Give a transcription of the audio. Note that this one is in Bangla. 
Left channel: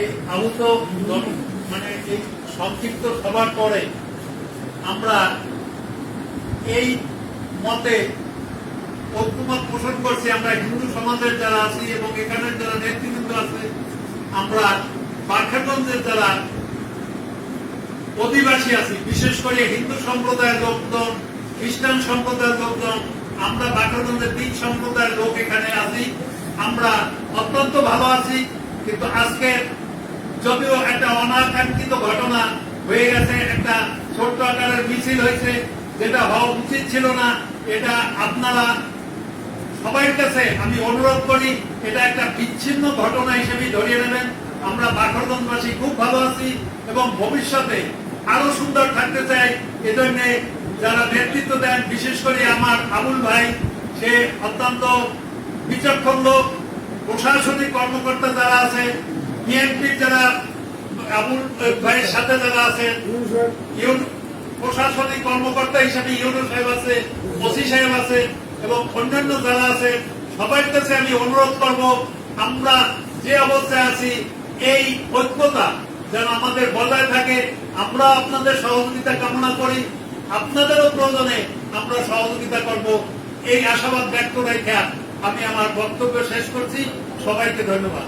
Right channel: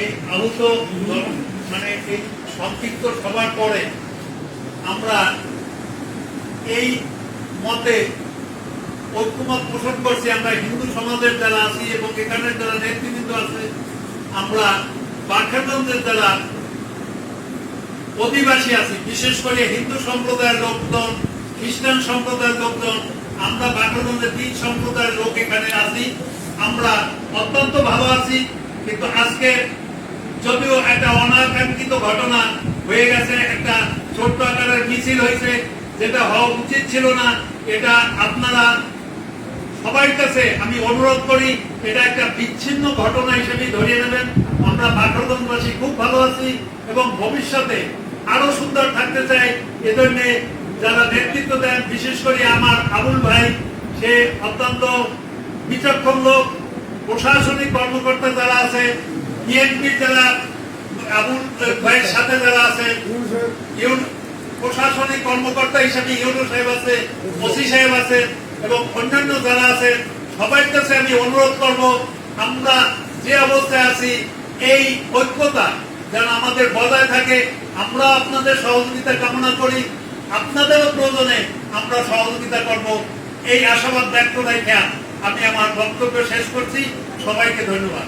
এই আহত মানে এই সংক্ষিপ্ত সভার পরে আমরা এই মতে ঐক্যমত পোষণ করছি। আমরা হিন্দু সমাজের যারা আছি এবং এখানের যারা নেতৃবৃন্দ আছে, আমরা পাঠাগঞ্জের যারা অধিবাসী আছি, বিশেষ করে হিন্দু সম্প্রদায়ের লোকজন, খ্রিস্টান সম্প্রদায়ের লোকজন, আমরা বাকরবন্দের তিন সম্প্রদায়ের লোক এখানে আছি। আমরা অত্যন্ত ভালো আছি, কিন্তু আজকে যদিও একটা অনাকাঙ্ক্ষিত ঘটনা হয়ে গেছে, একটা ছোট্ট আকারের মিছিল হয়েছে, যেটা হওয়া উচিত ছিল না, এটা আপনারা সবার কাছে আমি অনুরোধ করি, এটা একটা বিচ্ছিন্ন ঘটনা হিসেবে ধরিয়ে নেবেন। আমরা বাকরগঞ্জবাসী খুব ভালো আছি এবং ভবিষ্যতে আরও সুন্দর থাকতে চাই। এজন্য যারা নেতৃত্ব দেন, বিশেষ করে আমার আবুল ভাই, সে অত্যন্ত বিচক্ষণ লোক, প্রশাসনিক কর্মকর্তা যারা আছে বিএনপির আবুল ভাইয়ের সাথে যারা প্রশাসনিক কর্মকর্তা সাহেব আছে, ওসি সাহেব এবং অন্যান্য যারা কাছে আমি অনুরোধ করব, আমরা যে অবস্থায় আছি, এই ঐক্যতা যেন আমাদের বজায় থাকে আমরা আপনাদের সহযোগিতা কামনা করি, আপনাদেরও প্রয়োজনে আমরা সহযোগিতা করব। এই আশাবাদ ব্যক্ত রেখে আমি আমার বক্তব্য শেষ করছি, সবাইকে ধন্যবাদ।